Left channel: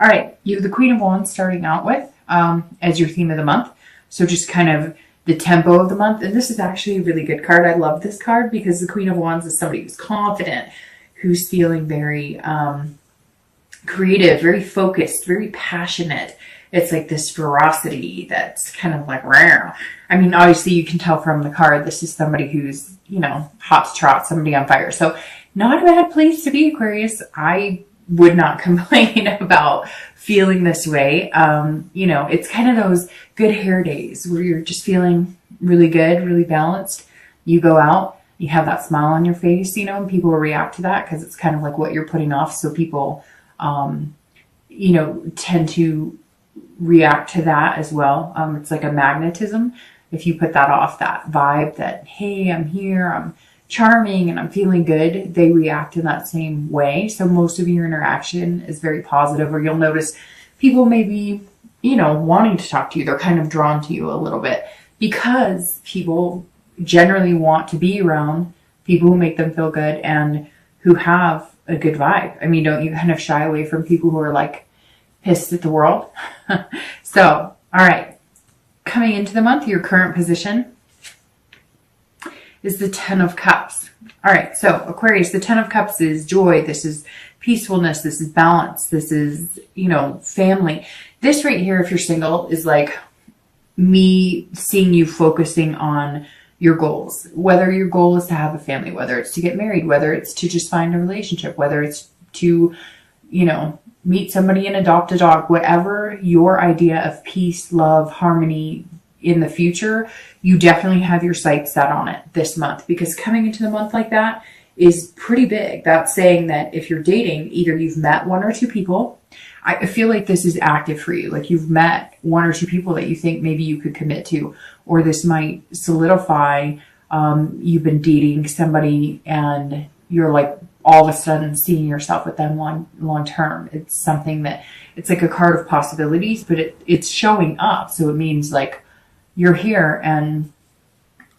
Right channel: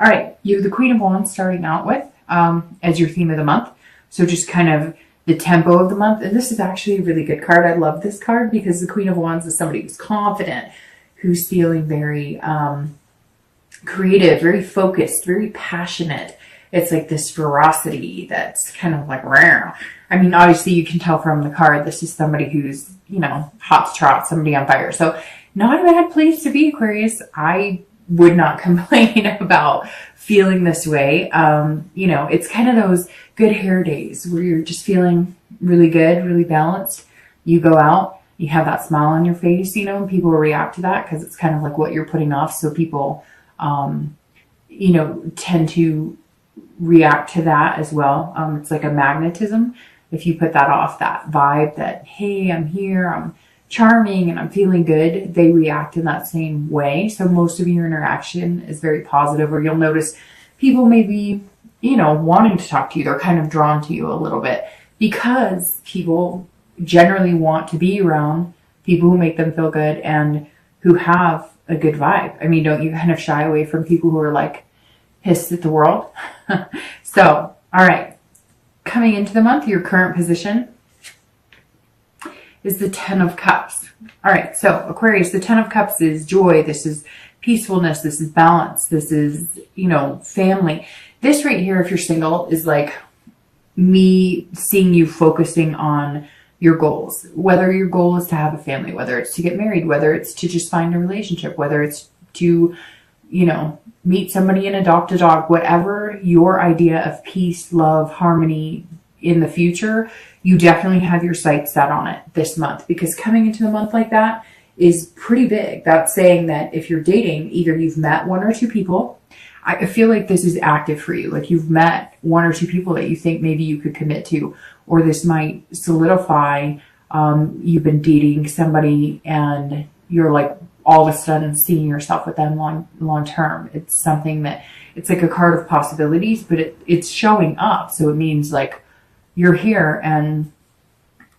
All right, you have the Queen of Wands starting out with as your theme of the month. So just kind of the tempo of the month. And this is actually a really good card. I love this card because the Queen of Wands is somebody who's confident, who's feeling very creative, very focused, very passionate. It's like this ferocity that's kind of like rare. I mean, obviously you can tell from the card, this is somebody who's, hot to trot, somebody on fire. So not a bad place to be, Aquarius. I would not complain about feeling this way. It's kind of those good hair days where you're just feeling really good, really balanced. You go out, you have that smile on your face, and people react to that because it's kind of like what you're putting off. So people, tend to react to that as well. It's like a magnetism. If you put that off, that vibe that, hey, I'm here, I'm charming and I'm feeling good, they react in that same way. So most of your interaction is very positive, or you'll notice people may be, wanting to talk to you. They're kind of drawn to you a little bit because people generally want to be around people who make them feel good and who have a good vibe. I mean, don't you kind of shy away from people who are like pissed at the world? So, all right. Coming into the month, your current position is the Ten of Cups. All right, so Aquarius, the Ten of Cups is joy. This is peacefulness. This is balance. This is, family. This right here, if you're single, is like me seeing you focusing on your goals. Whether your goal is to have a family, whether it's to get married, whether it's to just find a relationship, whether it's to, meet somebody and adopt a dog, whatever your idea of peace, love, harmony in the future, you definitely have your sights set on it this month, because coming into the month like that is pretty big. That's saying that if you're dating, either you've met one or two people. I feel like this is active for you. Like you've met one or two people that you think maybe you could commit to, or this might solidify. You've been dating somebody and you're like all of a sudden seeing yourself with them long term. It's something that it's like a card of possibilities, but it's showing up. So it means like you're here and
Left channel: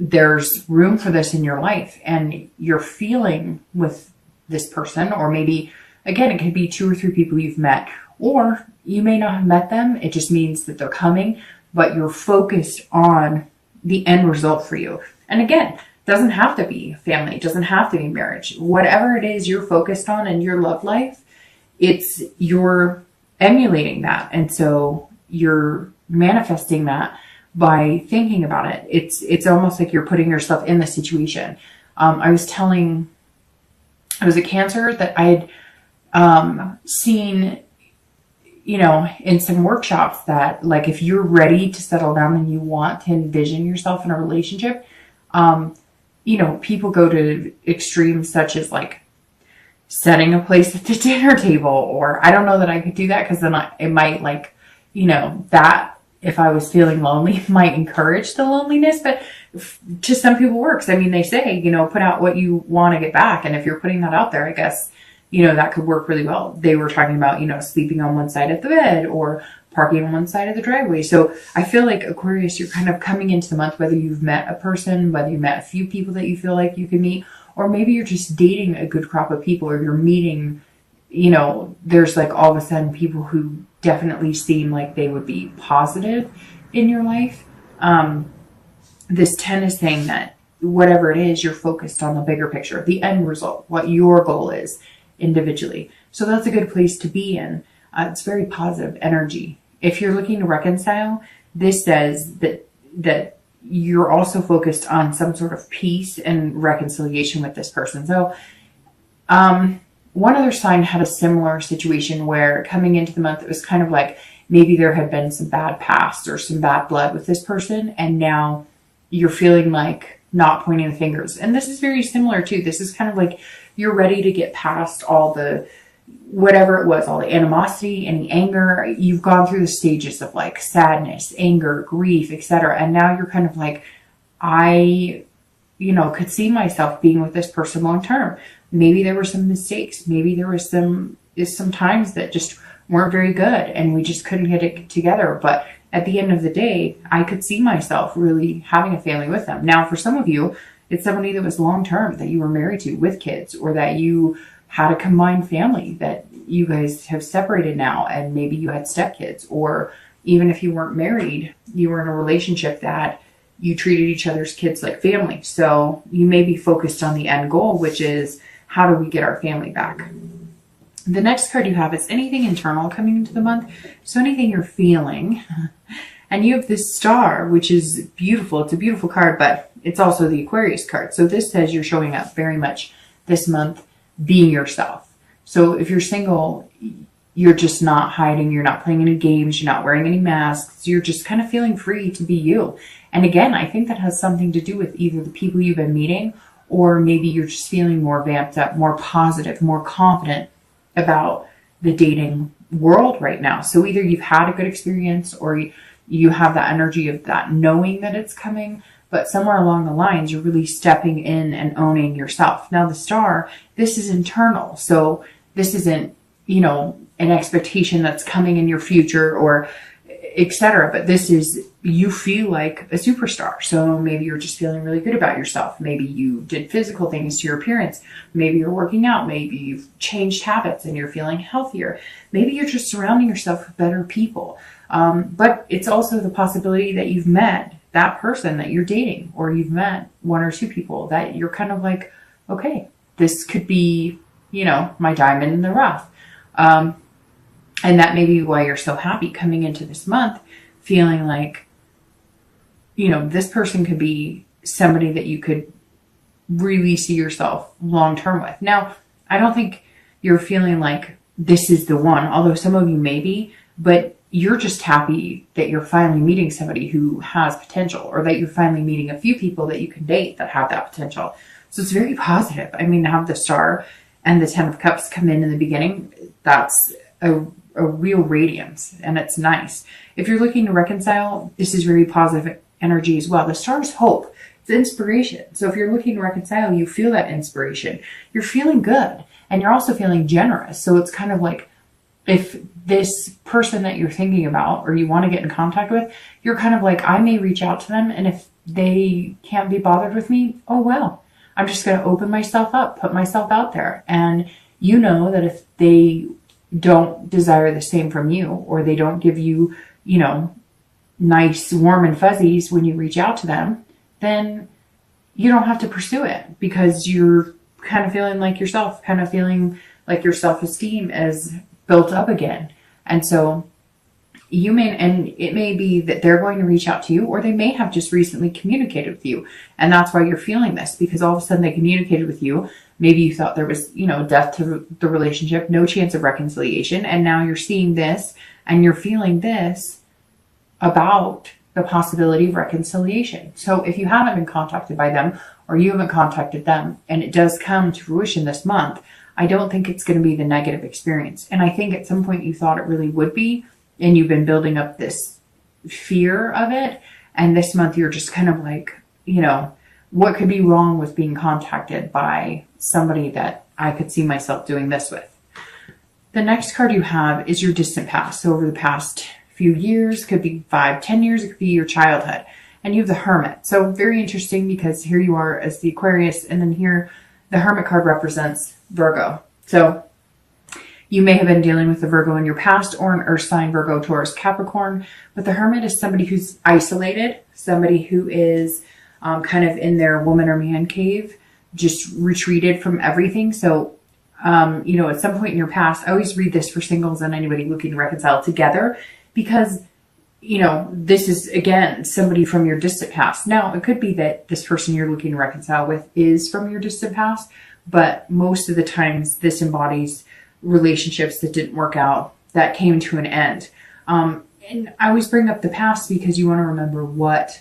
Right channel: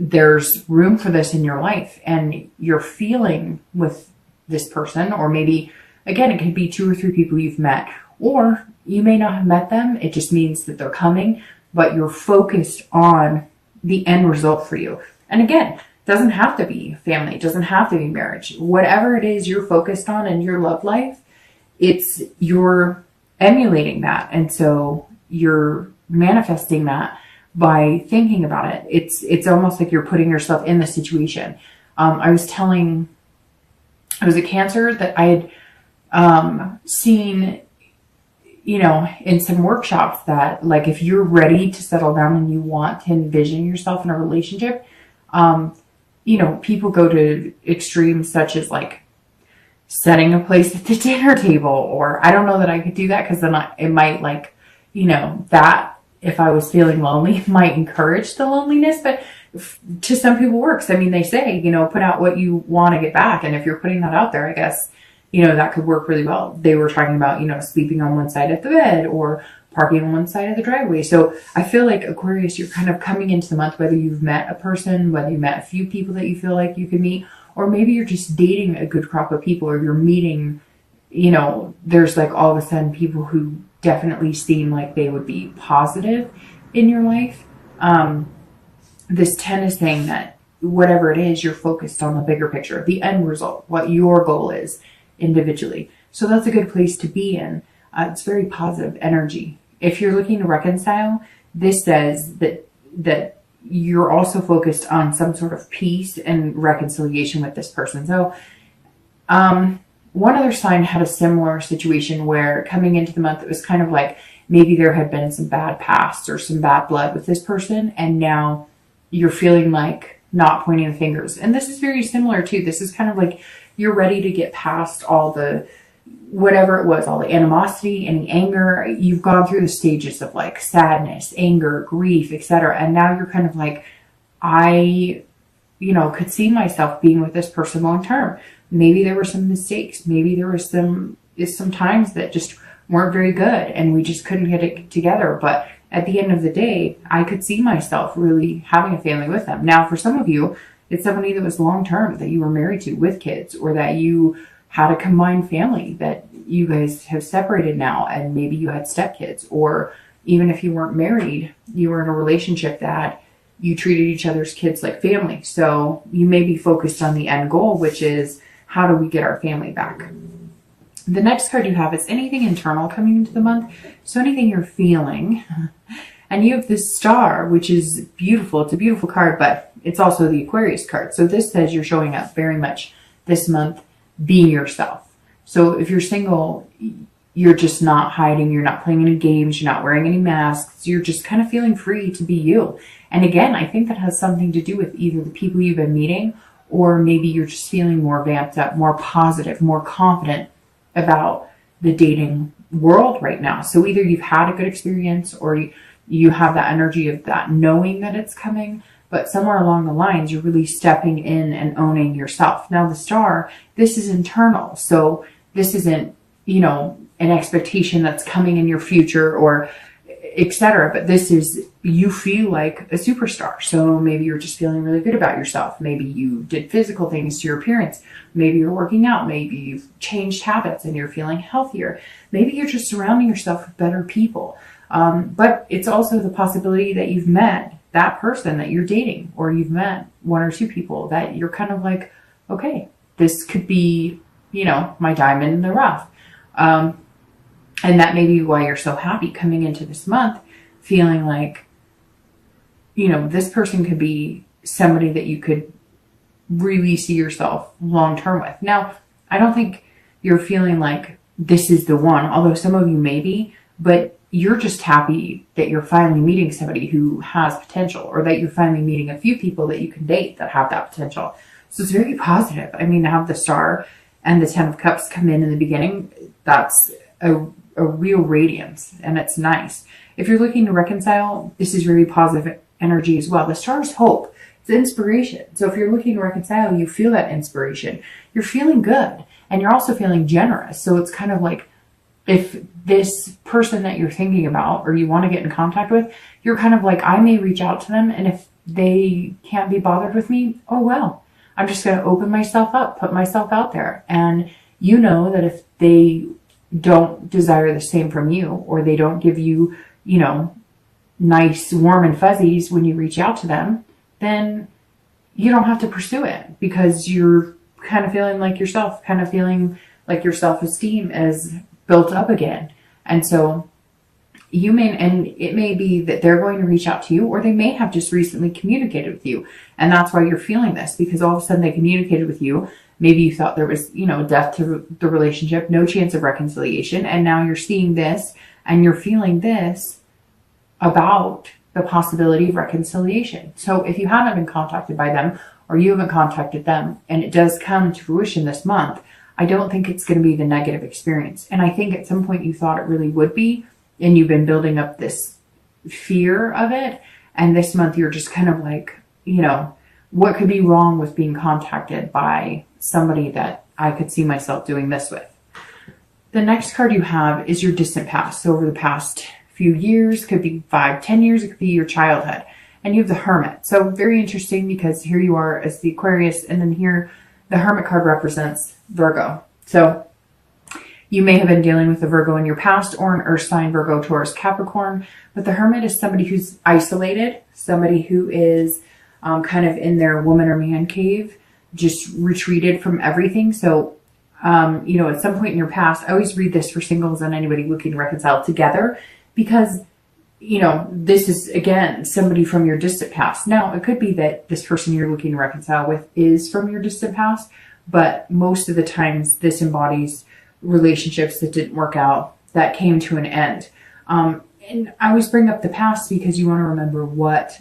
there's room for this in your life and you're feeling with this person, or maybe again, it could be two or three people you've met, or you may not have met them. It just means that they're coming, but you're focused on the end result for you. And again, doesn't have to be family, doesn't have to be marriage. Whatever it is you're focused on in your love life, you're emulating that. And so you're manifesting that by thinking about it. It's almost like you're putting yourself in the situation. I was a Cancer that I had seen, in some workshops that like if you're ready to settle down and you want to envision yourself in a relationship, people go to extremes such as like setting a place at the dinner table, or I don't know that I could do that because then it might that if I was feeling lonely might encourage the loneliness, but to some people works. I mean, they say, put out what you want to get back. And if you're putting that out there, I guess, that could work really well. They were talking about, sleeping on one side of the bed or parking on one side of the driveway. So I feel like Aquarius, you're kind of coming into the month, whether you've met a person, whether you met a few people that you feel like you can meet, or maybe you're just dating a good crop of people, or you're meeting, there's like all of a sudden people who definitely seem like they would be positive in your life. This 10 is saying that whatever it is, you're focused on the bigger picture, the end result, what your goal is individually. So that's a good place to be in. It's very positive energy. If you're looking to reconcile, this says that you're also focused on some sort of peace and reconciliation with this person. So one other sign had a similar situation where coming into the month, it was kind of like maybe there had been some bad past or some bad blood with this person, and now you're feeling like not pointing the fingers. And this is very similar too. This is kind of like you're ready to get past all the whatever it was, all the animosity, any anger. You've gone through the stages of like sadness, anger, grief, etc. And now you're kind of like, I, could see myself being with this person long term. Maybe there were some mistakes. Maybe there was some times that just weren't very good and we just couldn't get it together. But at the end of the day, I could see myself really having a family with them. Now, for some of you, it's somebody that was long term, that you were married to with kids, or that you had a combined family that you guys have separated now and maybe you had stepkids, or even if you weren't married, you were in a relationship that you treated each other's kids like family. So you may be focused on the end goal, which is how do we get our family back? The next card you have is anything internal coming into the month. So anything you're feeling. And you have this star, which is beautiful. It's a beautiful card, but it's also the Aquarius card. So this says you're showing up very much this month being yourself. So if you're single, you're just not hiding. You're not playing any games. You're not wearing any masks. You're just kind of feeling free to be you. And again, I think that has something to do with either the people you've been meeting, or maybe you're just feeling more vamped up, more positive, more confident about the dating world right now. So either you've had a good experience, or you have that energy of that knowing that it's coming, but somewhere along the lines, you're really stepping in and owning yourself. Now the star, this is internal. So this isn't, an expectation that's coming in your future or etc. But this is, you feel like a superstar. So maybe you're just feeling really good about yourself. Maybe you did physical things to your appearance. Maybe you're working out. Maybe you've changed habits and you're feeling healthier. Maybe you're just surrounding yourself with better people. But it's also the possibility that you've met that person that you're dating, or you've met one or two people that you're kind of like, okay, this could be, my diamond in the rough. And that may be why you're so happy coming into this month, feeling like, this person could be somebody that you could really see yourself long term with. Now, I don't think you're feeling like this is the one, although some of you may be, but you're just happy that you're finally meeting somebody who has potential, or that you're finally meeting a few people that you can date that have that potential. So it's very positive. I mean, to have the star and the 10 of cups come in the beginning, that's a real radiance, and it's nice. If you're looking to reconcile, this is very positive energy as well. The star is hope. It's inspiration. So if you're looking to reconcile, you feel that inspiration. You're feeling good, and you're also feeling generous. So it's kind of like, if this person that you're thinking about or you want to get in contact with, you're kind of like, I may reach out to them, and if they can't be bothered with me, oh well, I'm just going to open myself up, put myself out there. And you know that if they don't desire the same from you, or they don't give you, nice, warm and fuzzies when you reach out to them, then you don't have to pursue it, because you're kind of feeling like yourself, kind of feeling like your self-esteem is built up again. And so and it may be that they're going to reach out to you, or they may have just recently communicated with you. And that's why you're feeling this, because all of a sudden they communicated with you. Maybe you thought there was, death to the relationship, no chance of reconciliation. And now you're seeing this and you're feeling this about the possibility of reconciliation. So if you haven't been contacted by them, or you haven't contacted them, and it does come to fruition this month, I don't think it's going to be the negative experience. And I think at some point you thought it really would be, and you've been building up this fear of it. And this month you're just kind of like, what could be wrong with being contacted by somebody that I could see myself doing this with? The next card you have is your distant past. So over the past few years, could be 5-10 years, it could be your childhood. And you have the Hermit. So very interesting, because here you are as the Aquarius, and then here the Hermit card represents Virgo. So you may have been dealing with a Virgo in your past, or an Earth sign, Virgo, Taurus, Capricorn. But the Hermit is somebody who's isolated, somebody who is kind of in their woman or man cave, just retreated from everything. So, at some point in your past, I always read this for singles and anybody looking to reconcile together, because, this is, again, somebody from your distant past. Now, it could be that this person you're looking to reconcile with is from your distant past, but most of the times this embodies relationships that didn't work out, that came to an end. And I always bring up the past because you want to remember what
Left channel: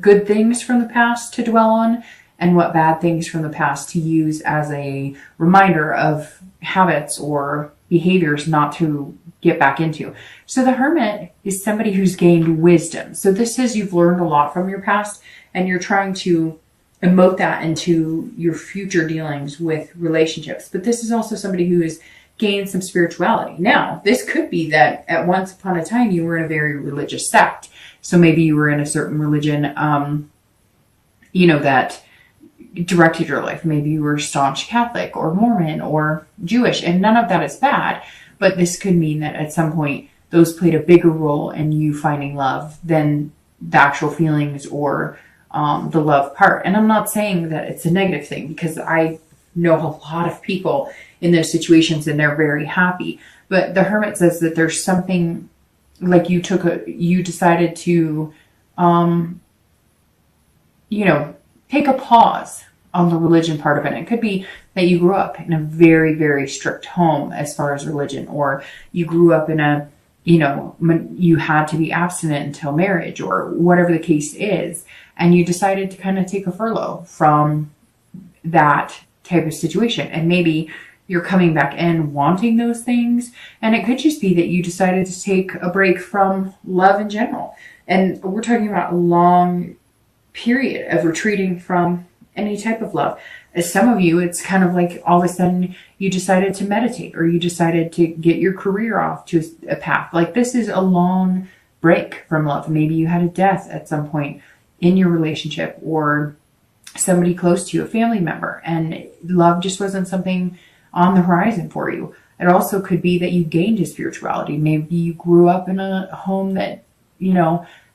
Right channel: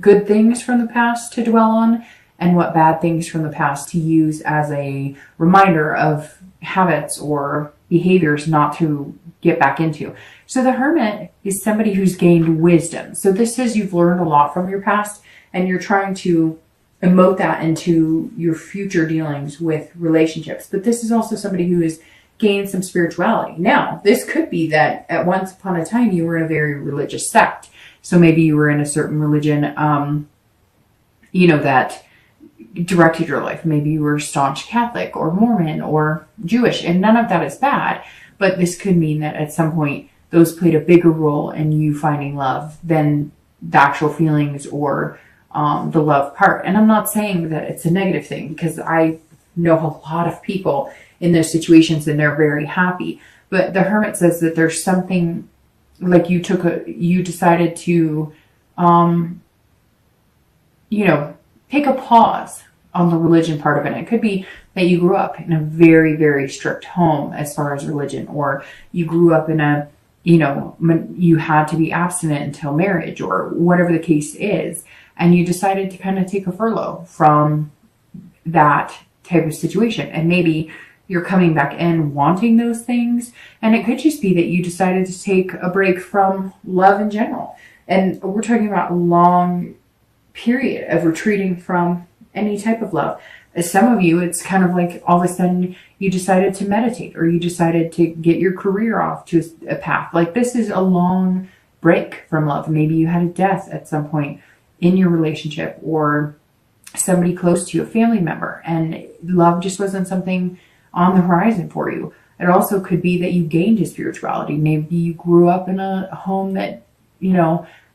good things from the past to dwell on, and what bad things from the past to use as a reminder of habits or behaviors not to get back into. So the Hermit is somebody who's gained wisdom. So this is, you've learned a lot from your past, and you're trying to emote that into your future dealings with relationships. But this is also somebody who has gained some spirituality. Now, this could be that at once upon a time you were in a very religious sect. So maybe you were in a certain religion, that directed your life. Maybe you were staunch Catholic or Mormon or Jewish, and none of that is bad, but this could mean that at some point those played a bigger role in you finding love than the actual feelings or the love part. And I'm not saying that it's a negative thing, because I know a lot of people in those situations and they're very happy. But the Hermit says that there's something like you decided to, take a pause on the religion part of it. It could be that you grew up in a very, very strict home as far as religion, or you grew up in a, you had to be abstinent until marriage, or whatever the case is. And you decided to kind of take a furlough from that type of situation. And maybe you're coming back in wanting those things. And it could just be that you decided to take a break from love in general. And we're talking about a long period of retreating from any type of love. As some of you, it's kind of like all of a sudden you decided to meditate, or you decided to get your career off to a path. Like, this is a long break from love. Maybe you had a death at some point in your relationship, or somebody close to you, a family member, and love just wasn't something on the horizon for you. It also could be that you gained a spirituality. Maybe you grew up in a home that,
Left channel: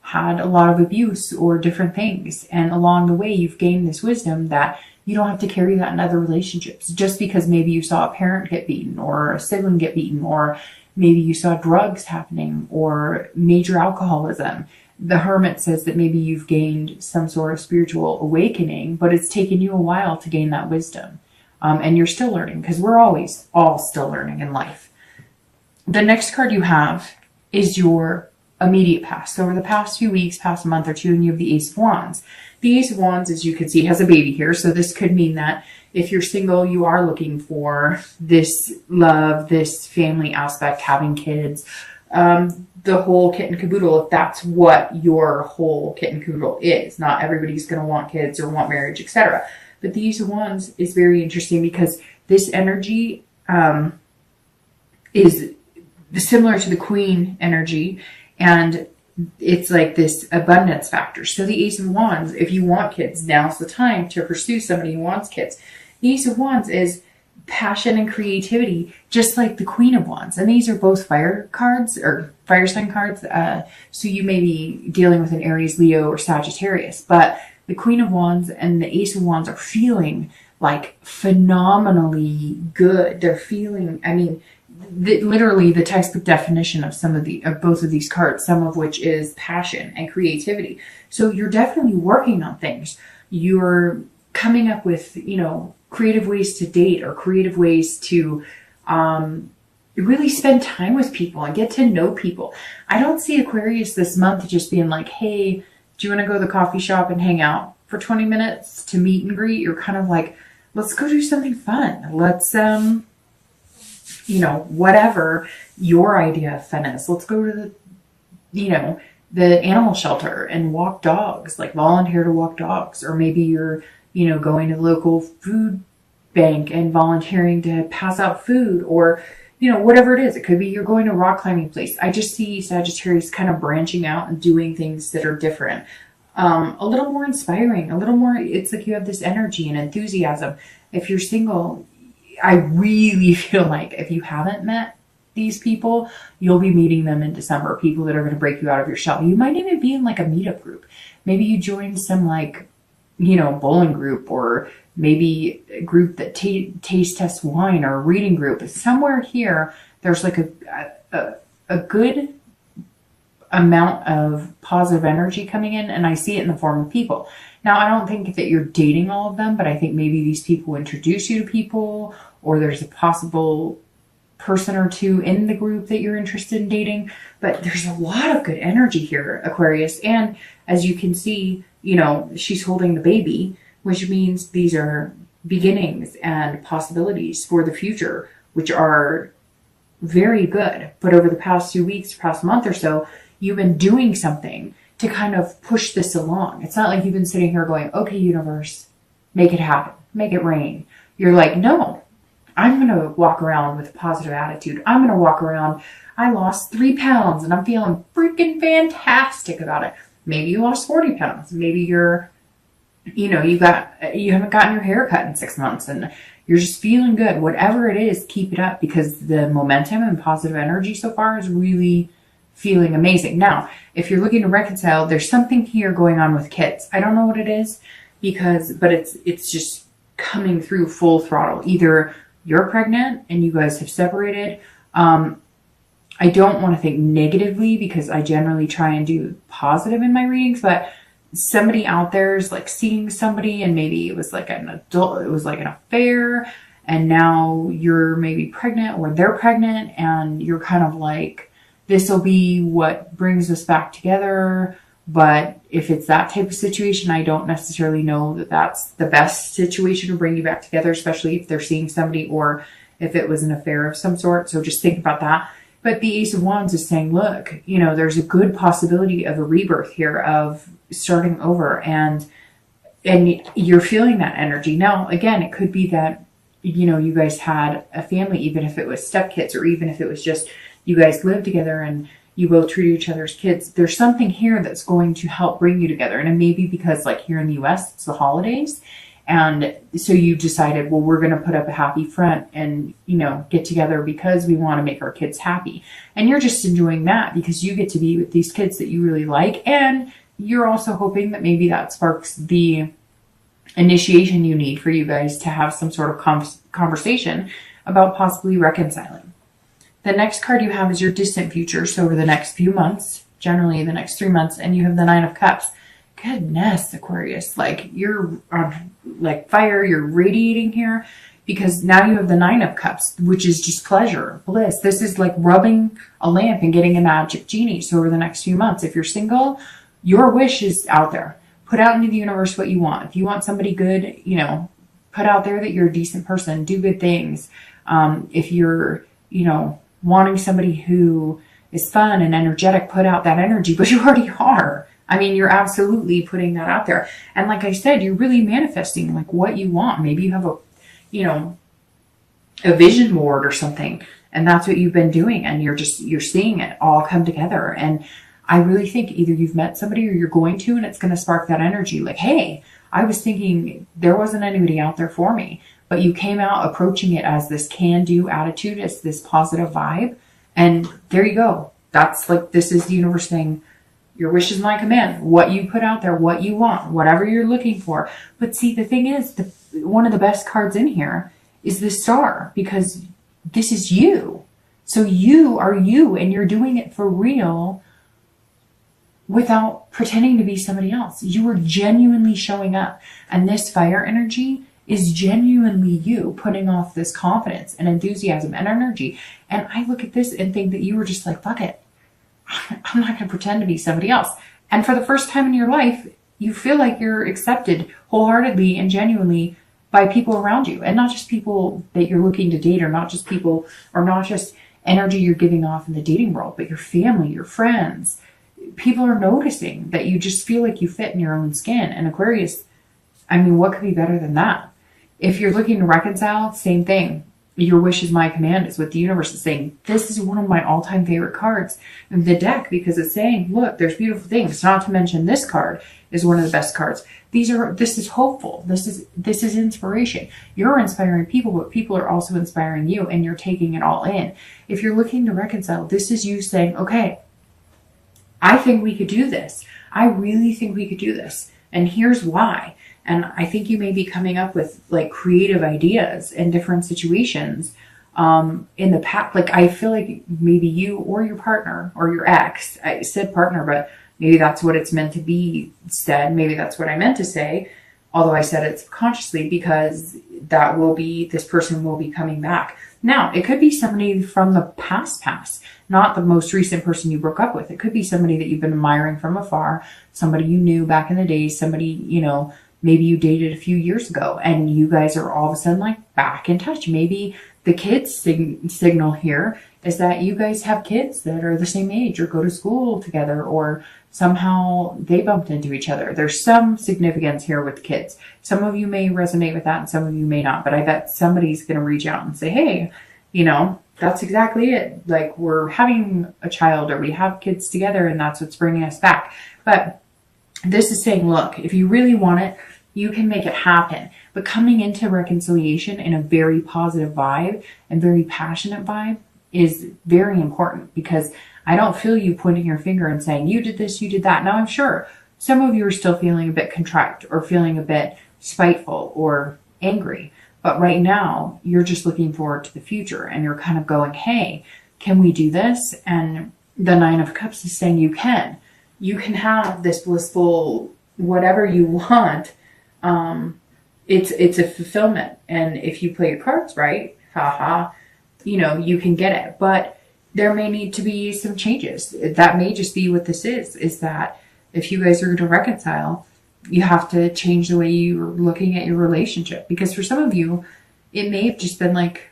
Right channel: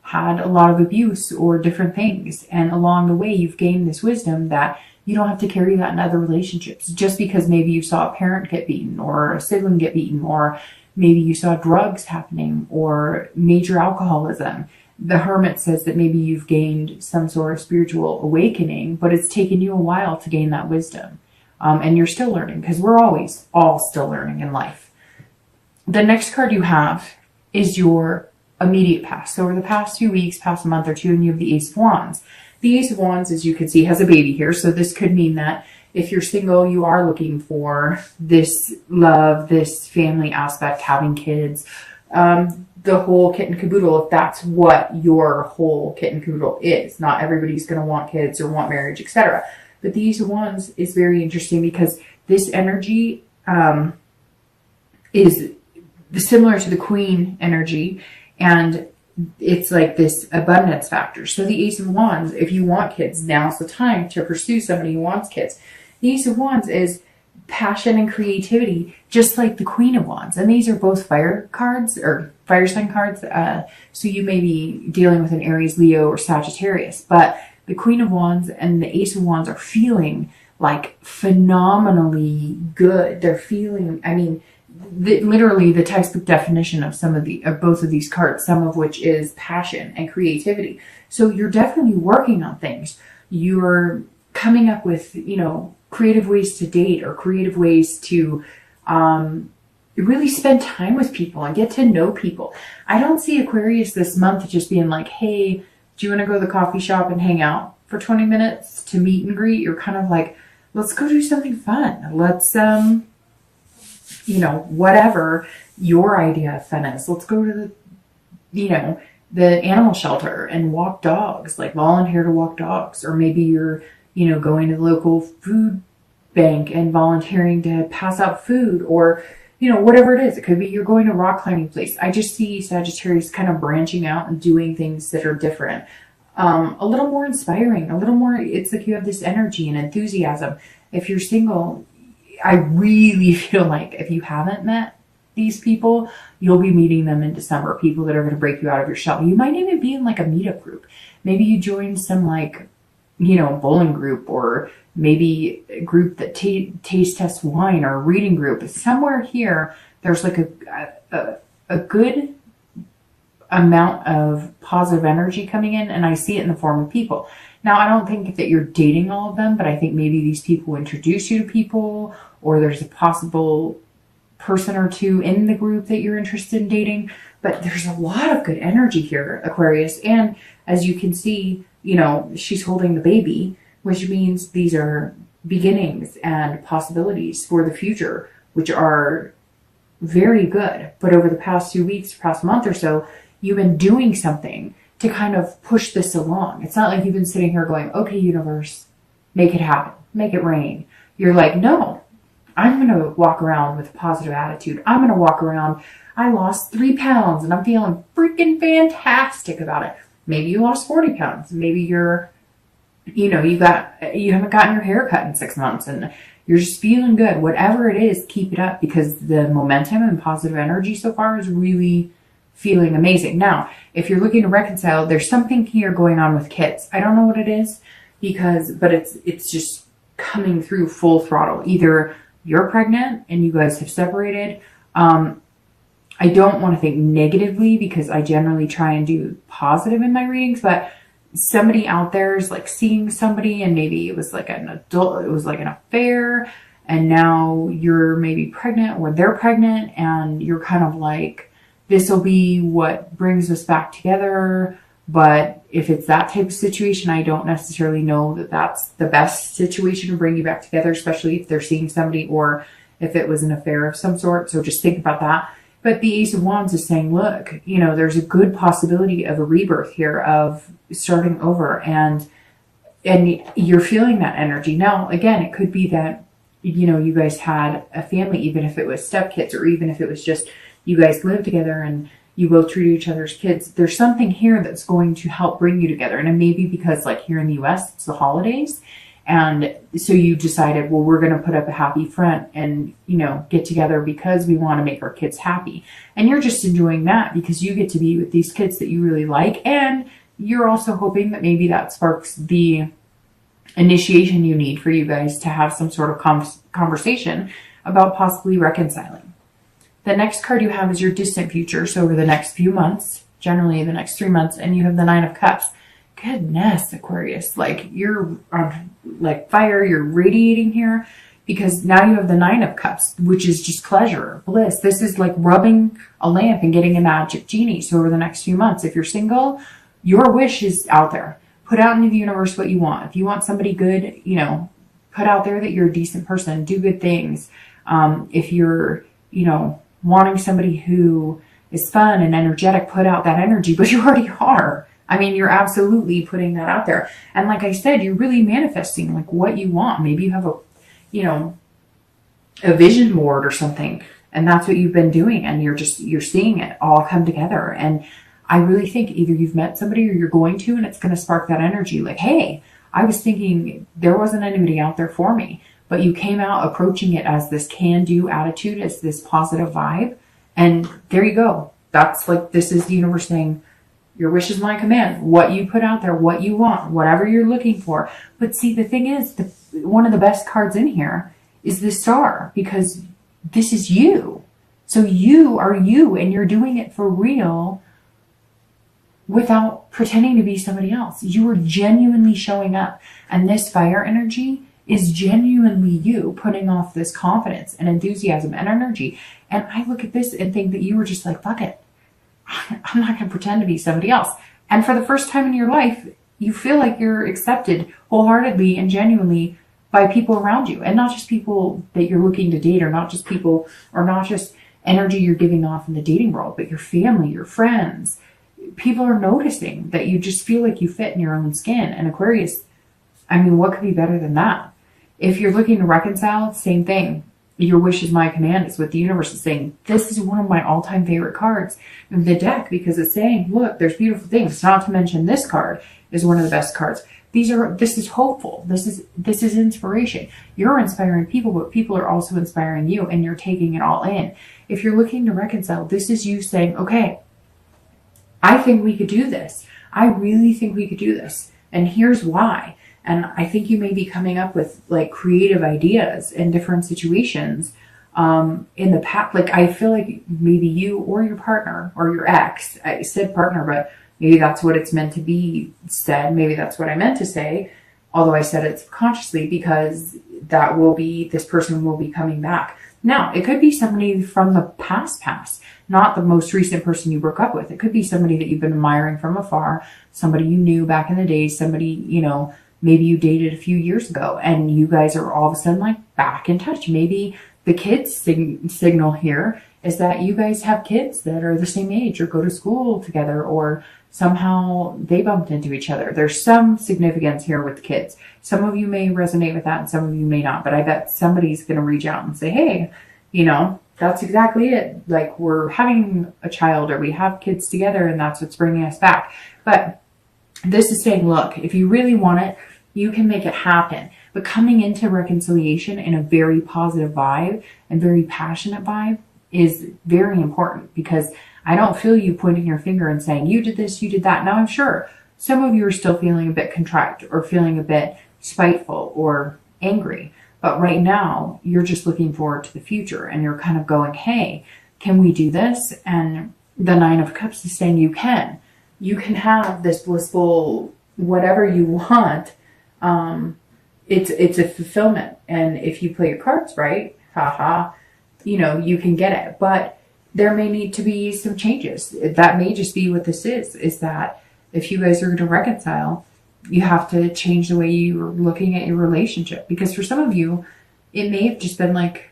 had a lot of abuse or different things. And along the way, you've gained this wisdom that you don't have to carry that in other relationships. Just because maybe you saw a parent get beaten, or a sibling get beaten, or maybe you saw drugs happening, or major alcoholism. The Hermit says that maybe you've gained some sort of spiritual awakening, but it's taken you a while to gain that wisdom. And you're still learning, because we're always all still learning in life. The next card you have is your immediate past. So over the past few weeks, past month or two, and you have the Ace of Wands. The Ace of Wands, as you can see, has a baby here. So this could mean that if you're single, you are looking for this love, this family aspect, having kids, the whole kit and caboodle, if that's what your whole kit and caboodle is. Not everybody's going to want kids or want marriage, etc. But the Ace of Wands is very interesting, because this energy is similar to the Queen energy, and it's like this abundance factor. So the Ace of Wands, if you want kids, now's the time to pursue somebody who wants kids. The Ace of Wands is passion and creativity, just like the Queen of Wands. And these are both fire cards, or fire sign cards. So you may be dealing with an Aries, Leo, or Sagittarius. But the Queen of Wands and the Ace of Wands are feeling like phenomenally good. They're feeling, literally the textbook definition of both of these cards, some of which is passion and creativity. So you're definitely working on things. You're coming up with, creative ways to date, or creative ways to really spend time with people and get to know people. I don't see Aquarius this month just being like, hey, do you want to go to the coffee shop and hang out for 20 minutes to meet and greet? You're kind of like, let's go do something fun. Let's, whatever your idea of fun is. Let's go to the animal shelter and walk dogs, like volunteer to walk dogs. Or maybe you're, going to the local food bank and volunteering to pass out food, or, whatever it is. It could be you're going to a rock climbing place. I just see Sagittarius kind of branching out and doing things that are different. A little more inspiring, a little more, it's like you have this energy and enthusiasm. If you're single, I really feel like if you haven't met these people, you'll be meeting them in December. People that are going to break you out of your shell. You might even be in like a meetup group. Maybe you join some bowling group, or maybe a group that taste tests wine, or a reading group. Somewhere here, there's like a good amount of positive energy coming in, and I see it in the form of people. Now, I don't think that you're dating all of them, but I think maybe these people introduce you to people, or there's a possible person or two in the group that you're interested in dating. But there's a lot of good energy here, Aquarius. And as you can see, she's holding the baby, which means these are beginnings and possibilities for the future, which are very good. But over the past 2 weeks, past month or so, you've been doing something to kind of push this along. It's not like you've been sitting here going, okay, universe, make it happen, make it rain. You're like, no, I'm going to walk around with a positive attitude. I'm going to walk around, I lost 3 pounds and I'm feeling freaking fantastic about it. Maybe you lost 40 pounds. Maybe you're you know, you haven't gotten your hair cut in 6 months and you're just feeling good. Whatever it is, keep it up, because the momentum and positive energy so far is really feeling amazing. Now, if you're looking to reconcile, there's something here going on with kids. I don't know what it is, but it's just coming through full throttle. Either you're pregnant and you guys have separated. I don't want to think negatively, because I generally try and do positive in my readings, but somebody out there is like seeing somebody, and maybe it was like an affair, and now you're maybe pregnant, or they're pregnant, and you're kind of like, this will be what brings us back together. But if it's that type of situation, I don't necessarily know that that's the best situation to bring you back together, especially if they're seeing somebody or if it was an affair of some sort. So just think about that. But the Ace of Wands is saying, look, you know, there's a good possibility of a rebirth here, of starting over, and you're feeling that energy. Now, again, it could be that, you know, you guys had a family, even if it was stepkids, or even if it was just you guys live together and you both treat each other's kids. There's something here that's going to help bring you together. And it may be because, like, here in the US, it's the holidays. And so you decided, well, we're going to put up a happy front and, you know, get together because we want to make our kids happy. And you're just enjoying that because you get to be with these kids that you really like. And you're also hoping that maybe that sparks the initiation you need for you guys to have some sort of conversation about possibly reconciling. The next card you have is your distant future. So over the next few months, generally the next 3 months, and you have the Nine of Cups. Goodness, Aquarius, like, you're on like fire, you're radiating here, because now you have the Nine of Cups, which is just pleasure, bliss. This is like rubbing a lamp and getting a magic genie. So over the next few months, if you're single, your wish is out there. Put out into the universe what you want. If you want somebody good, you know, put out there that you're a decent person, do good things. If you're, you know, wanting somebody who is fun and energetic, put out that energy, but you already are. I mean, you're absolutely putting that out there. And like I said, you're really manifesting like what you want. Maybe you have a, you know, a vision board or something, and that's what you've been doing. And you're seeing it all come together. And I really think either you've met somebody or you're going to, and it's going to spark that energy. Like, hey, I was thinking there wasn't anybody out there for me, but you came out approaching it as this can-do attitude, as this positive vibe. And there you go. That's like, this is the universe saying, your wish is my command. What you put out there, what you want, whatever you're looking for. But see, the thing is, one of the best cards in here is the Star, because this is you. So you are you, and you're doing it for real without pretending to be somebody else. You are genuinely showing up. And this fire energy is genuinely you putting off this confidence and enthusiasm and energy. And I look at this and think that you were just like, fuck it. I'm not going to pretend to be somebody else. And for the first time in your life, you feel like you're accepted wholeheartedly and genuinely by people around you. And not just people that you're looking to date, or not just people, or not just energy you're giving off in the dating world, but your family, your friends. People are noticing that you just feel like you fit in your own skin. And Aquarius, I mean, what could be better than that? If you're looking to reconcile, same thing. Your wish is my command is what the universe is saying. This is one of my all-time favorite cards of the deck, because it's saying, look, there's beautiful things. Not to mention this card is one of the best cards. This is hopeful. This is inspiration. You're inspiring people, but people are also inspiring you, and you're taking it all in. If you're looking to reconcile, this is you saying, okay, I think we could do this. I really think we could do this. And here's why. And I think you may be coming up with like creative ideas in different situations in the past. Like, I feel like maybe you or your partner or your ex, I said partner, but maybe that's what it's meant to be said. Maybe that's what I meant to say, although I said it subconsciously, because this person will be coming back. Now, it could be somebody from the past, not the most recent person you broke up with. It could be somebody that you've been admiring from afar, somebody you knew back in the day, somebody, you know, maybe you dated a few years ago, and you guys are all of a sudden like back in touch. Maybe the kids signal here is that you guys have kids that are the same age or go to school together, or somehow they bumped into each other. There's some significance here with the kids. Some of you may resonate with that and some of you may not, but I bet somebody's going to reach out and say, hey, you know, that's exactly it. Like, we're having a child, or we have kids together, and that's what's bringing us back. But this is saying, look, if you really want it, You can make it happen. But coming into reconciliation in a very positive vibe and very passionate vibe is very important, because I don't feel you pointing your finger and saying, you did this, you did that. Now, I'm sure some of you are still feeling a bit contrite or feeling a bit spiteful or angry. But right now, you're just looking forward to the future, and you're kind of going, hey, can we do this? And the Nine of Cups is saying you can. You can have this blissful whatever you want. It's a fulfillment. And if you play your cards right, you can get it. But there may need to be some changes. That may just be what this is that if you guys are going to reconcile, you have to change the way you're looking at your relationship. Because for some of you, it may have just been like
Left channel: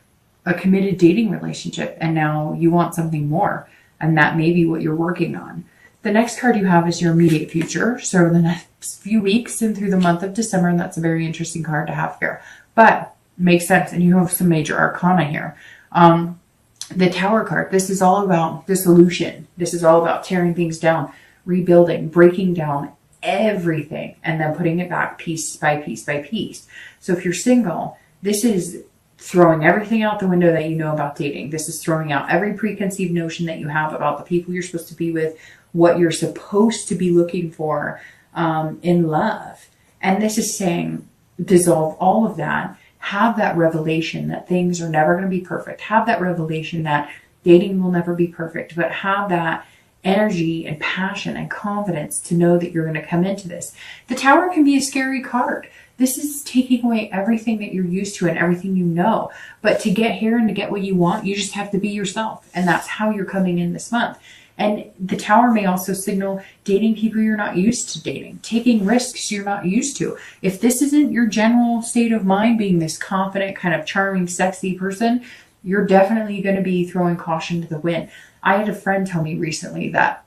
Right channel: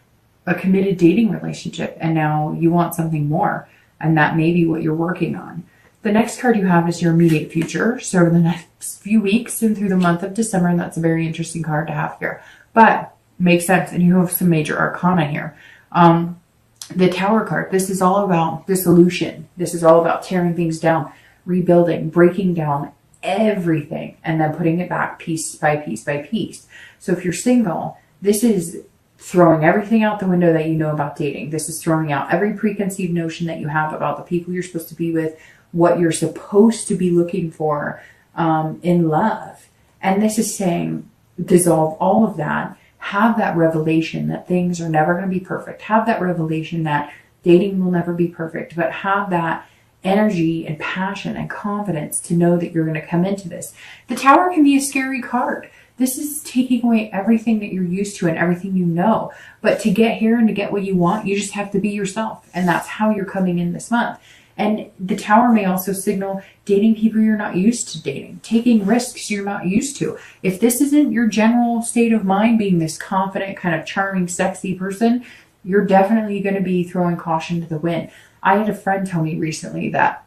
a committed dating relationship, and now you want something more. And that may be what you're working on. The next card you have is your immediate future. So in the next few weeks and through the month of December, and that's a very interesting card to have here. But makes sense, and you have some major arcana here. The Tower card, this is all about dissolution. This is all about tearing things down, rebuilding, breaking down everything, and then putting it back piece by piece by piece. So if you're single, this is throwing everything out the window that you know about dating. This is throwing out every preconceived notion that you have about the people you're supposed to be with, what you're supposed to be looking for in love. And this is saying, dissolve all of that. Have that revelation that things are never going to be perfect. Have that revelation that dating will never be perfect, but have that energy and passion and confidence to know that you're going to come into this. The Tower can be a scary card. This is taking away everything that you're used to and everything you know. But to get here and to get what you want, you just have to be yourself. And that's how you're coming in this month. And the Tower may also signal dating people you're not used to dating, taking risks you're not used to. If this isn't your general state of mind, being this confident, kind of charming, sexy person, you're definitely going to be throwing caution to the wind. I had a friend tell me recently that